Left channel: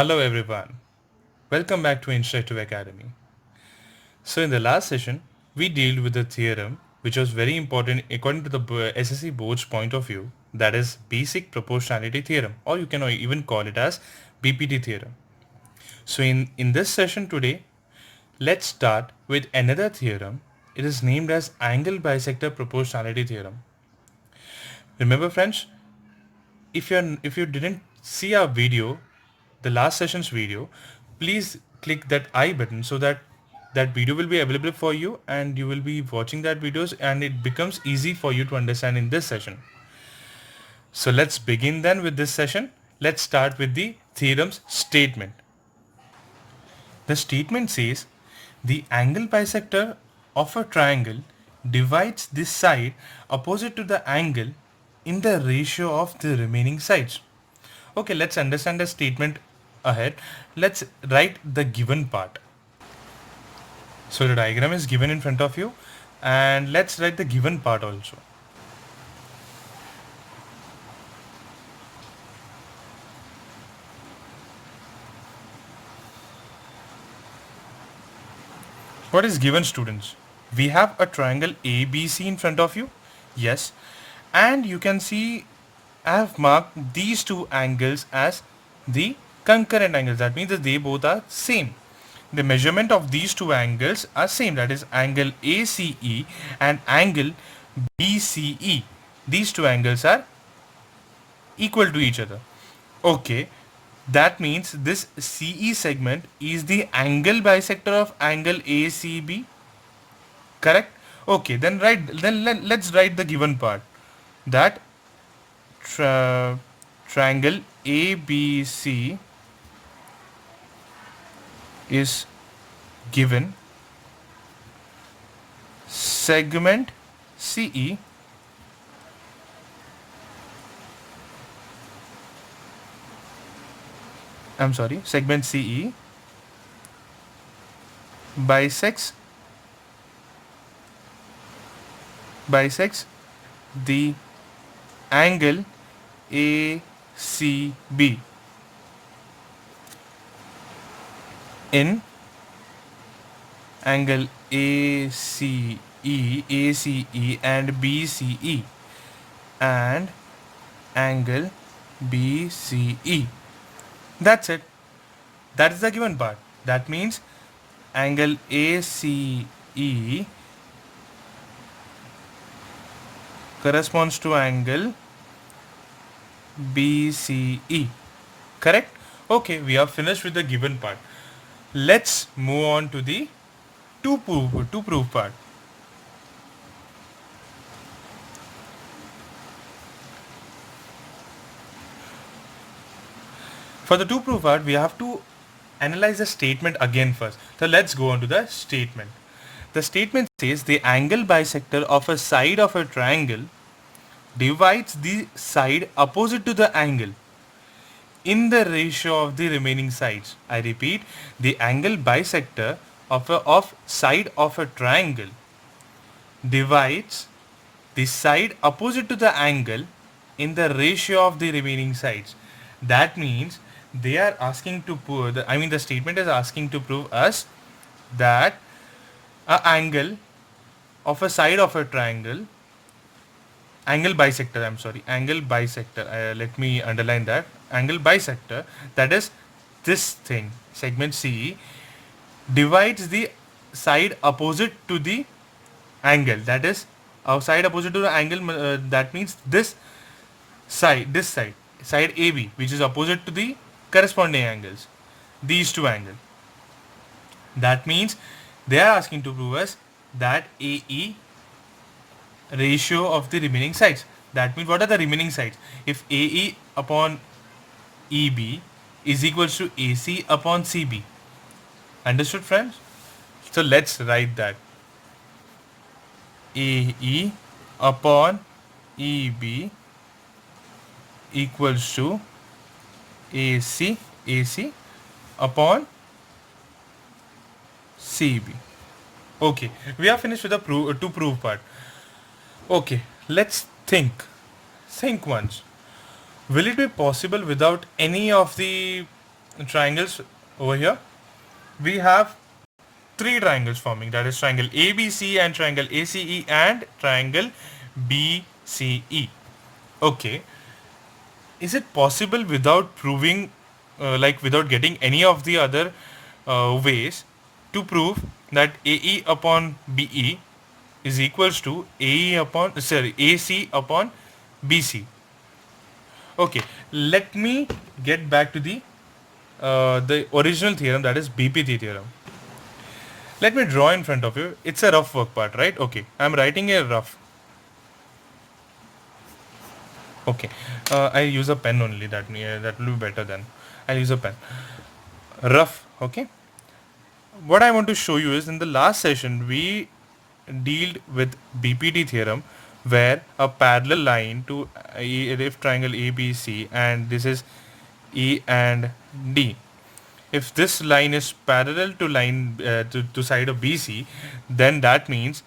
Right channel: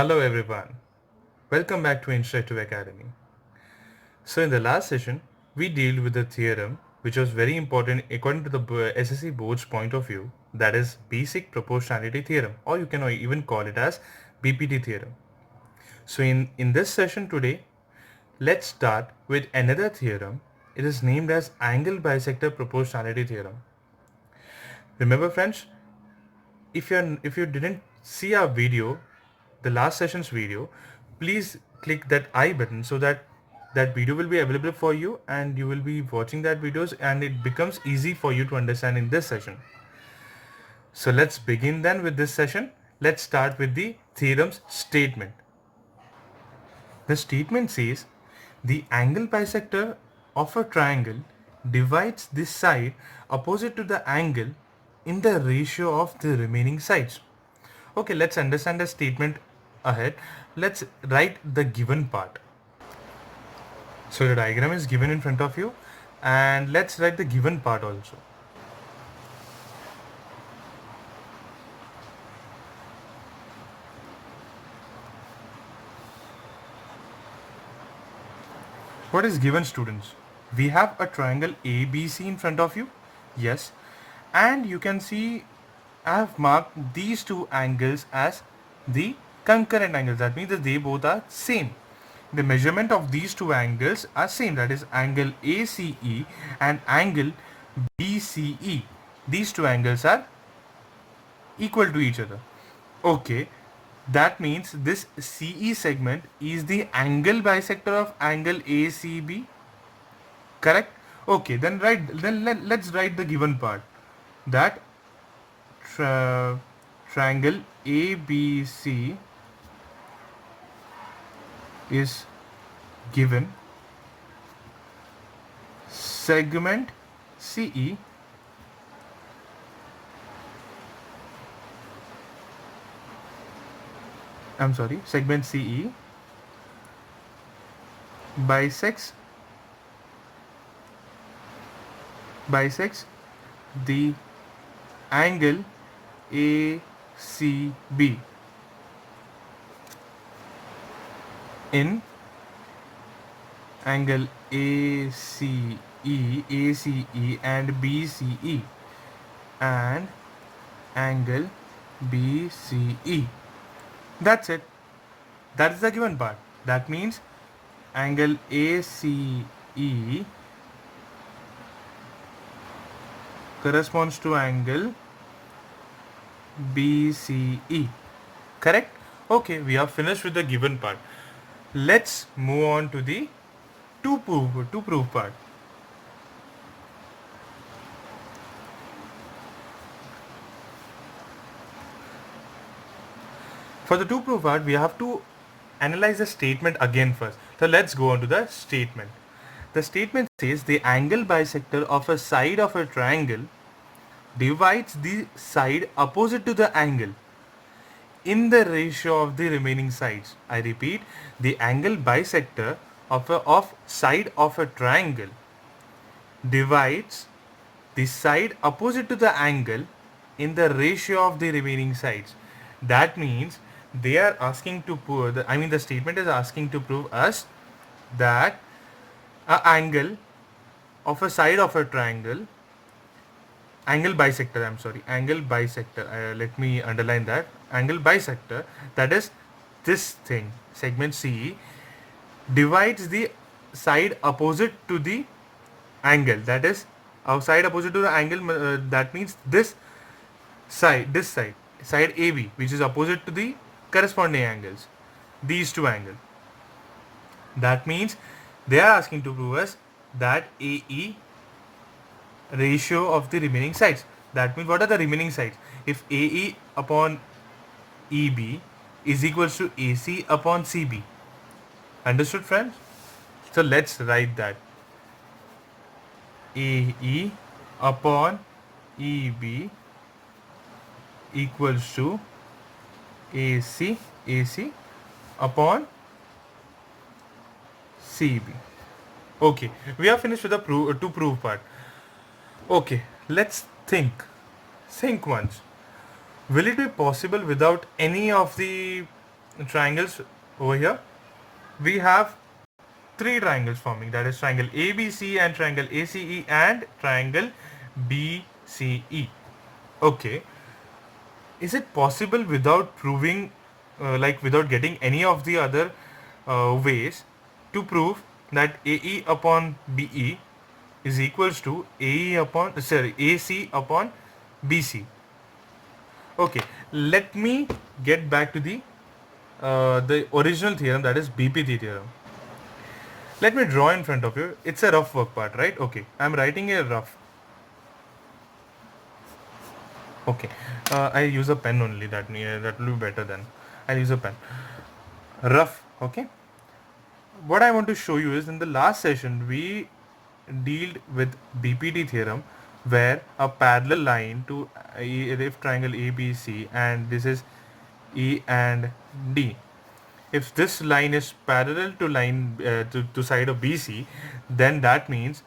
Hello everyone. Welcome back to Interactive Academy. So in the last session, we dealt with the theorem which was very important according to the SSC board's point of view, that is basic proportionality theorem, or you can even call it as BPT theorem. So in this session today, let's start with another theorem. It is named as angle bisector proportionality theorem. Remember friends, if you didn't see our video, the last session's video, please click that I button so that that video will be available for you and you will be watching that videos and it becomes easy for you to understand in this session. So let's begin then with this session. Let's start with the theorem's statement. The statement says the angle bisector of a triangle divides this side opposite to the angle in the ratio of the remaining sides. Okay, let's understand the statement ahead. Let's write the given part. So the diagram is given in front of you and let's write the given part also. What is given, students? We have a triangle ABC in front of you. Yes. And you can see I have marked these two angles as the concurrent angles. That means that they both are same. The measurement of these two angles are same. That is angle ACE and angle BCE. These two angles are equal to each other. Okay. That means this CE segment is the angle bisector of angle ACB. Correct? Okay, let's write the given part. That triangle ABC is given segment CE segment CE bisects the angle ACB in angle ACE and BCE and angle BCE. That's it. That is the given part. That means angle ACE corresponds to angle BCE. Correct? Okay, we are finished with the given part. Let's move on to the to prove part. For the to prove part, we have to analyze the statement again first. So let's go on to the statement. The statement says the angle bisector of a side of a triangle divides the side opposite to the angle in the ratio of the remaining sides. I repeat, the angle bisector of side of a triangle divides the side opposite to the angle in the ratio of the remaining sides. That means they are asking to prove, the statement is asking to prove us that a angle of a side of a triangle, angle bisector, angle bisector, let me underline that, angle bisector, that is this thing, segment CE, divides the side opposite to the angle, that is side opposite to the angle, that means this side AB, which is opposite to the corresponding angles, these two angles. That means they are asking to prove us that AE ratio of the remaining sides. That means what are the remaining sides? If AE upon EB is equals to AC upon CB. Understood, friends? So let's write that. AE upon EB equals to AC upon CB. Okay, we are finished with the to prove part. Okay, let's think once. Will it be possible without any of the triangles over here. We have three triangles forming, that is triangle ABC and triangle ACE and triangle BCE. Okay, is it possible without proving, like without getting any of the other ways to prove that AE upon BE is equals to AC upon BC? Okay, let me get back to the original theorem, that is BPT theorem. Let me draw in front of you. It's a rough work part, right? Okay, I'm writing a rough. Okay, I use a pen only. That will be better then. I use a pen. Rough. Okay. What I want to show you is, in the last session we dealt with BPT theorem, where a parallel line to if triangle ABC, and this is E and D. If this line is parallel to to side of BC, then that means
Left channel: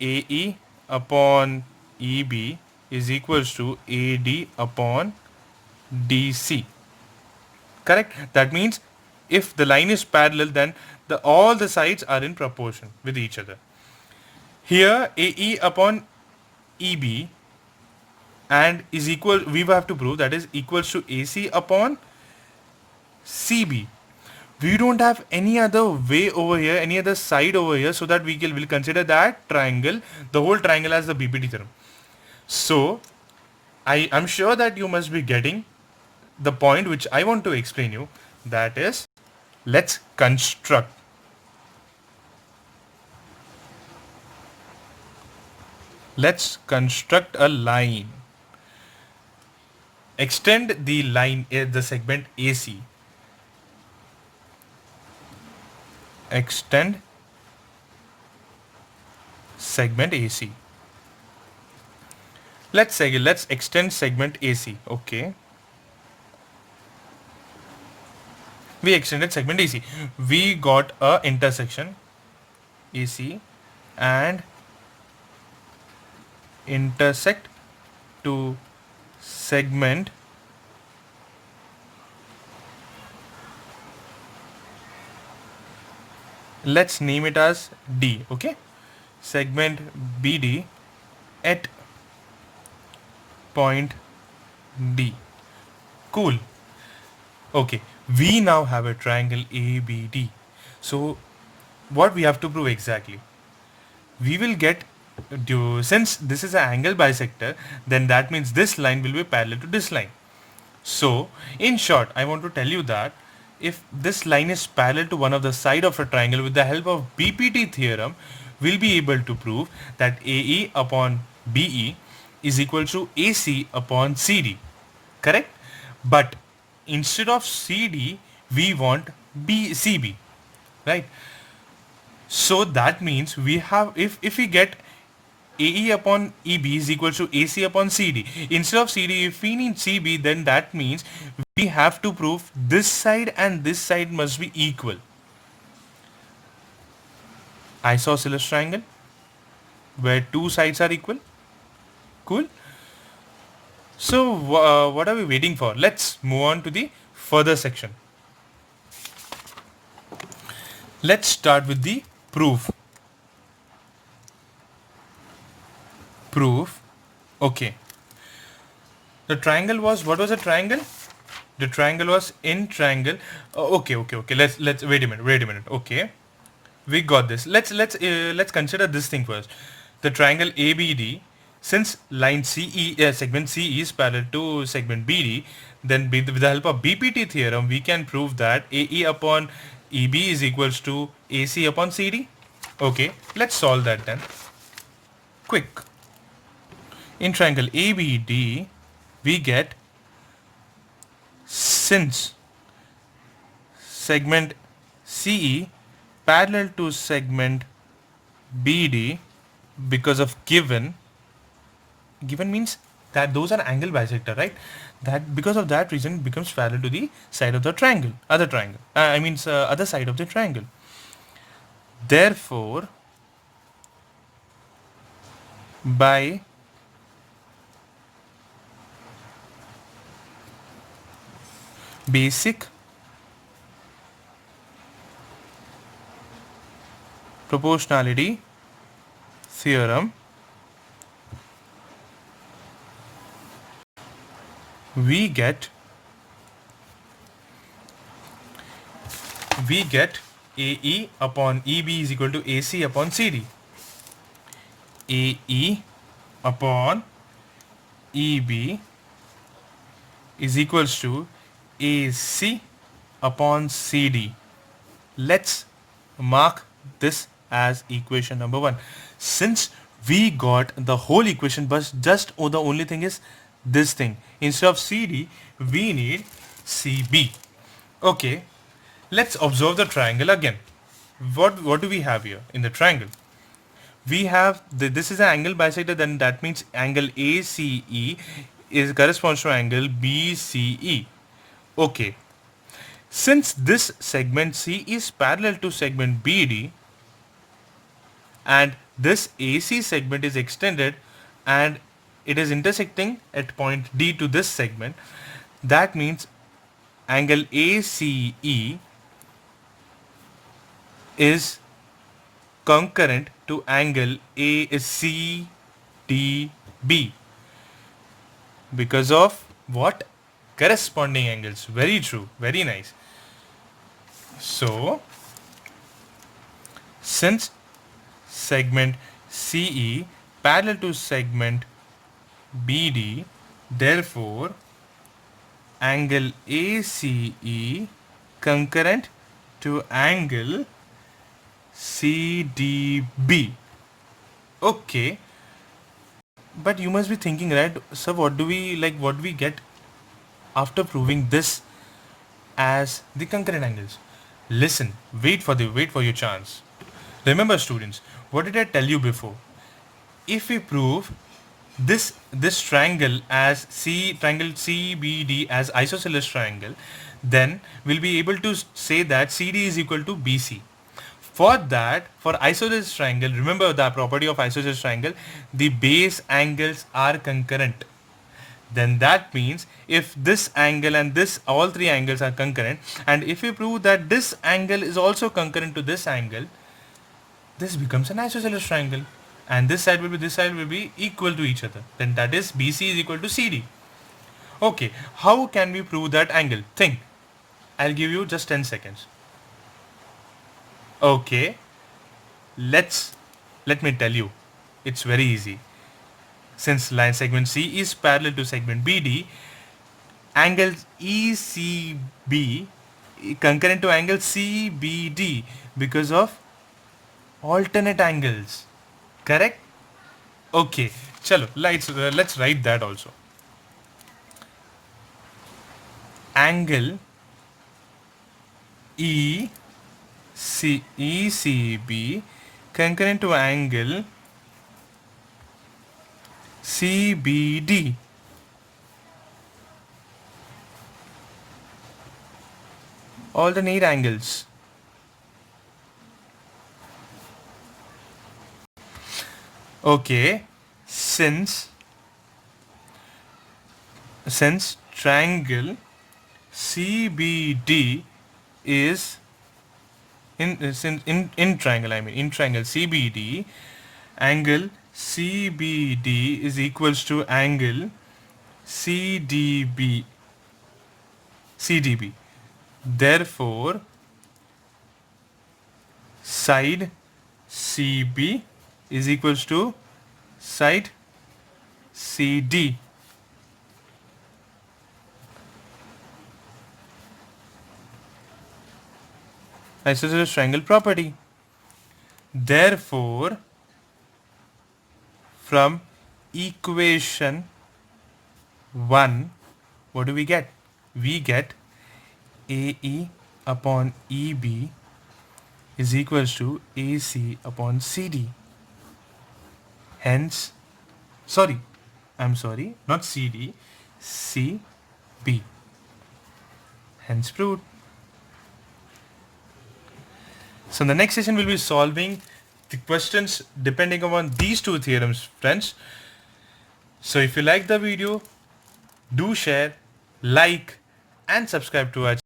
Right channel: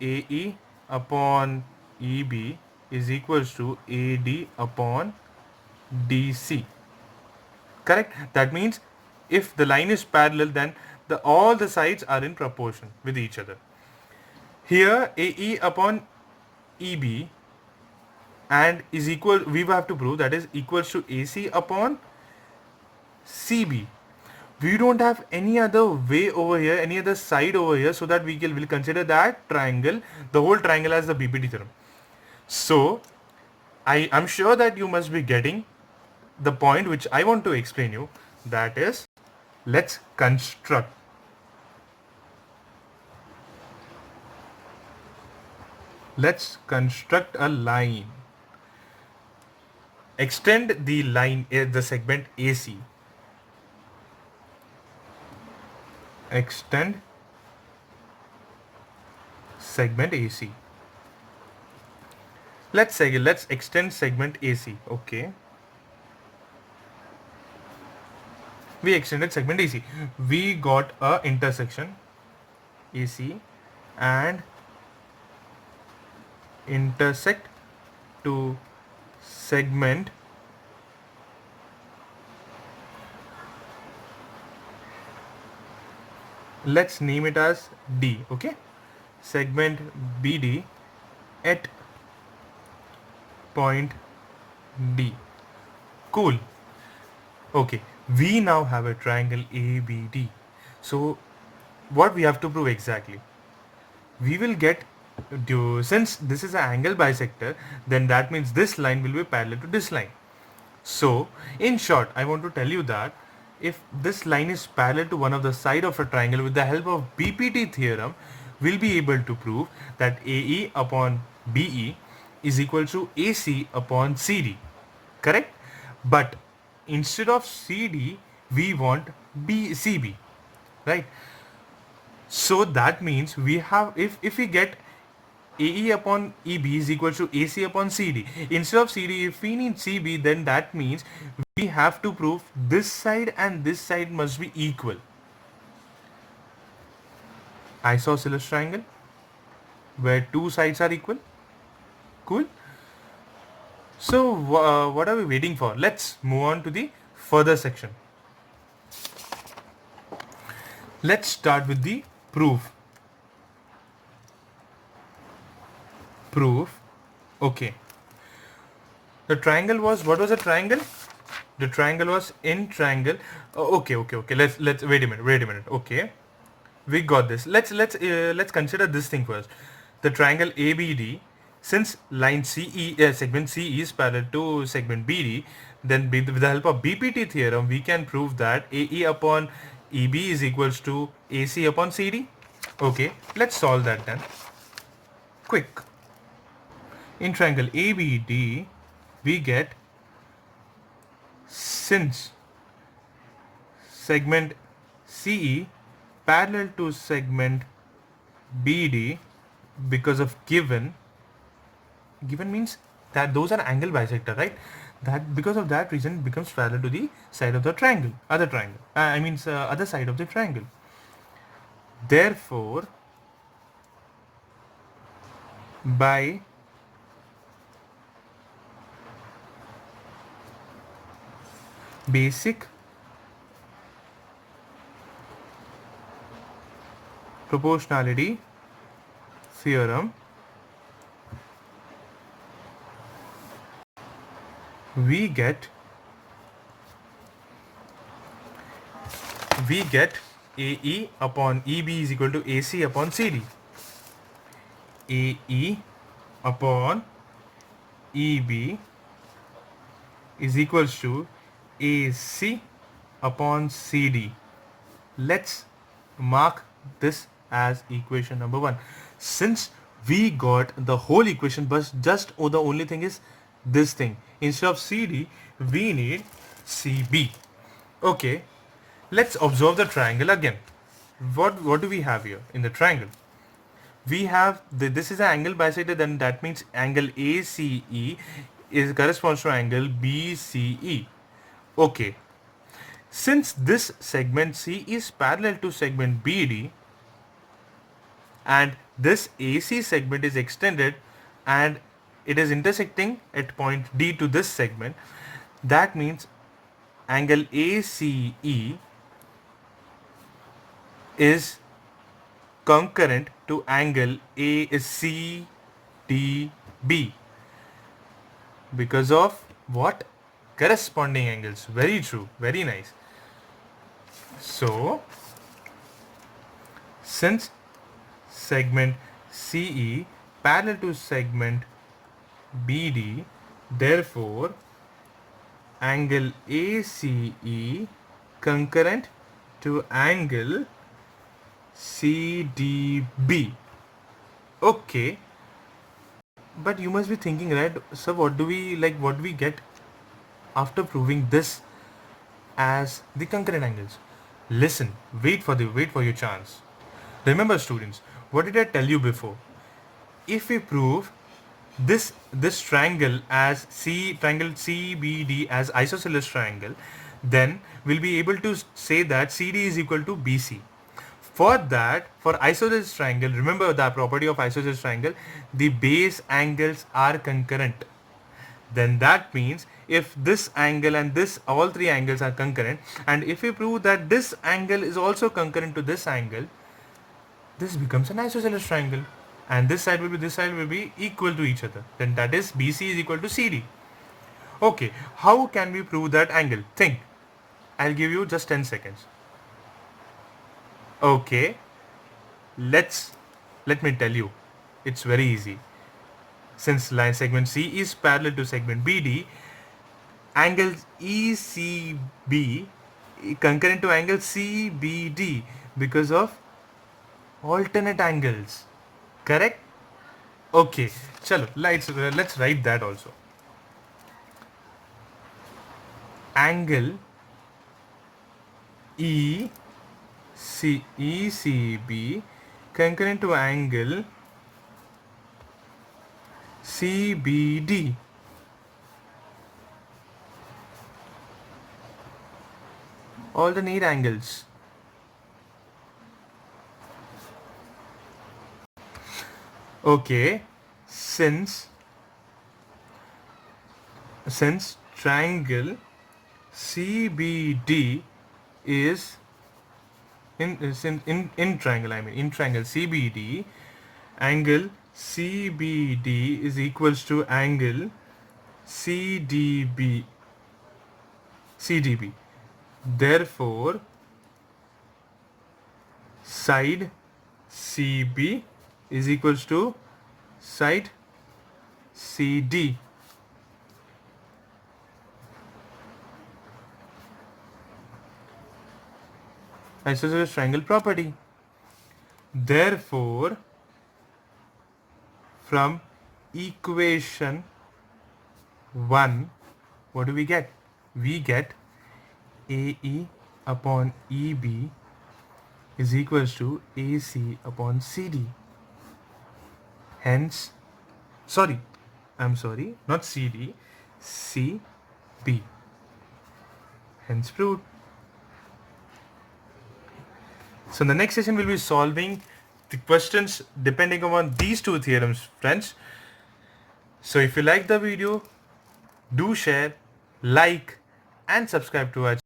AE upon EB is equals to AD upon DC. Correct? That means if the line is parallel, then all the sides are in proportion with each other. Here AE upon EB and is equal, we have to prove, that is equals to AC upon CB. We don't have any other way over here, any other side over here, so that will consider that triangle, the whole triangle, as the BPT theorem. So I am sure that you must be getting the point which I want to explain you. That is, let's construct. Let's construct a line. Extend the line, the segment AC. Extend segment AC. Let's extend segment AC. Okay. We extended segment AC. We got a intersection AC and intersect to segment let's name it as D. Okay, segment BD at point D. Cool. Okay, we now have a triangle ABD. So what we have to prove exactly? We will get, since this is an angle bisector, then that means this line will be parallel to this line. So in short, I want to tell you that if this line is parallel to one of the side of a triangle, with the help of BPT theorem, we'll be able to prove that AE upon BE is equal to AC upon CD. Correct? But instead of CD, we want CB. Right? So that means we have, if we get AE upon EB is equal to AC upon CD. Instead of CD, if we need CB, then that means we have to prove this side and this side must be equal. Isosceles triangle, where two sides are equal. Cool. So what are we waiting for? Let's move on to the further section. Let's start with the proof. Proof. Okay. The triangle was, what was a triangle? The triangle was in triangle. Okay. Let's wait a minute. Okay, we got this. Let's consider this thing first. The triangle ABD. Since line segment CE is parallel to segment BD, then with the help of BPT theorem, we can prove that AE upon EB is equals to AC upon CD. Okay, let's solve that then. Quick. In triangle ABD, we get, since segment CE parallel to segment BD, because of given means that those are angle bisector, right? That because of that reason it becomes parallel to the side of the triangle, other side of the triangle. Therefore, by basic proportionality theorem, we get AE upon EB is equal to AC upon CD. AE upon EB is equals to AC upon CD. Let's mark this as equation number 1. Since we got the whole equation, but just the only thing is this thing. Instead of CD, we need CB. Okay, let's observe the triangle again. What do we have here in the triangle? We have this is an angle bisected, then that means angle ACE is corresponds to angle BCE. Okay, since this segment C is parallel to segment BD and this AC segment is extended and it is intersecting at point D to this segment, that means angle ACE is concurrent to angle ACDB because of what? Corresponding angles. Very true. Very nice. So, since segment CE parallel to segment BD, therefore angle ACE concurrent to angle CDB. Okay, but you must be thinking, right, sir, what do we get after proving this as the concurrent angles? Listen, wait for your chance. Remember, students, what did I tell you before? If we prove this triangle as triangle CBD as isosceles triangle, then we'll be able to say that CD is equal to BC. For that, for isosceles triangle, remember the property of isosceles triangle, the base angles are concurrent. Then that means if this angle and this, all three angles are concurrent, and if we prove that this angle is also concurrent to this angle, this becomes an isosceles triangle. And this side will be equal to each other. Then that is BC is equal to CD. Okay, how can we prove that angle? Think. I'll give you just 10 seconds. Okay, let me tell you. It's very easy. Since line segment C is parallel to segment BD, angle ECB concurrent to angle CBD because of alternate angles. Correct? Okay, chalo, let's write that also. Angle ECB concurrent to angle CBD. Alternate angles. Okay, since triangle CBD is in triangle CBD, angle CBD is equals to angle CDB. Therefore, side CB is equals to side CD. Isosceles triangle property. Therefore, from equation 1, what do we get? We get AE upon EB is equals to AC upon CD. Hence, not CD, CB. Hence proved. So in the next session, we'll be solving the questions depending upon these two theorems, friends. So if you like the video, do share, like, and subscribe to our channel.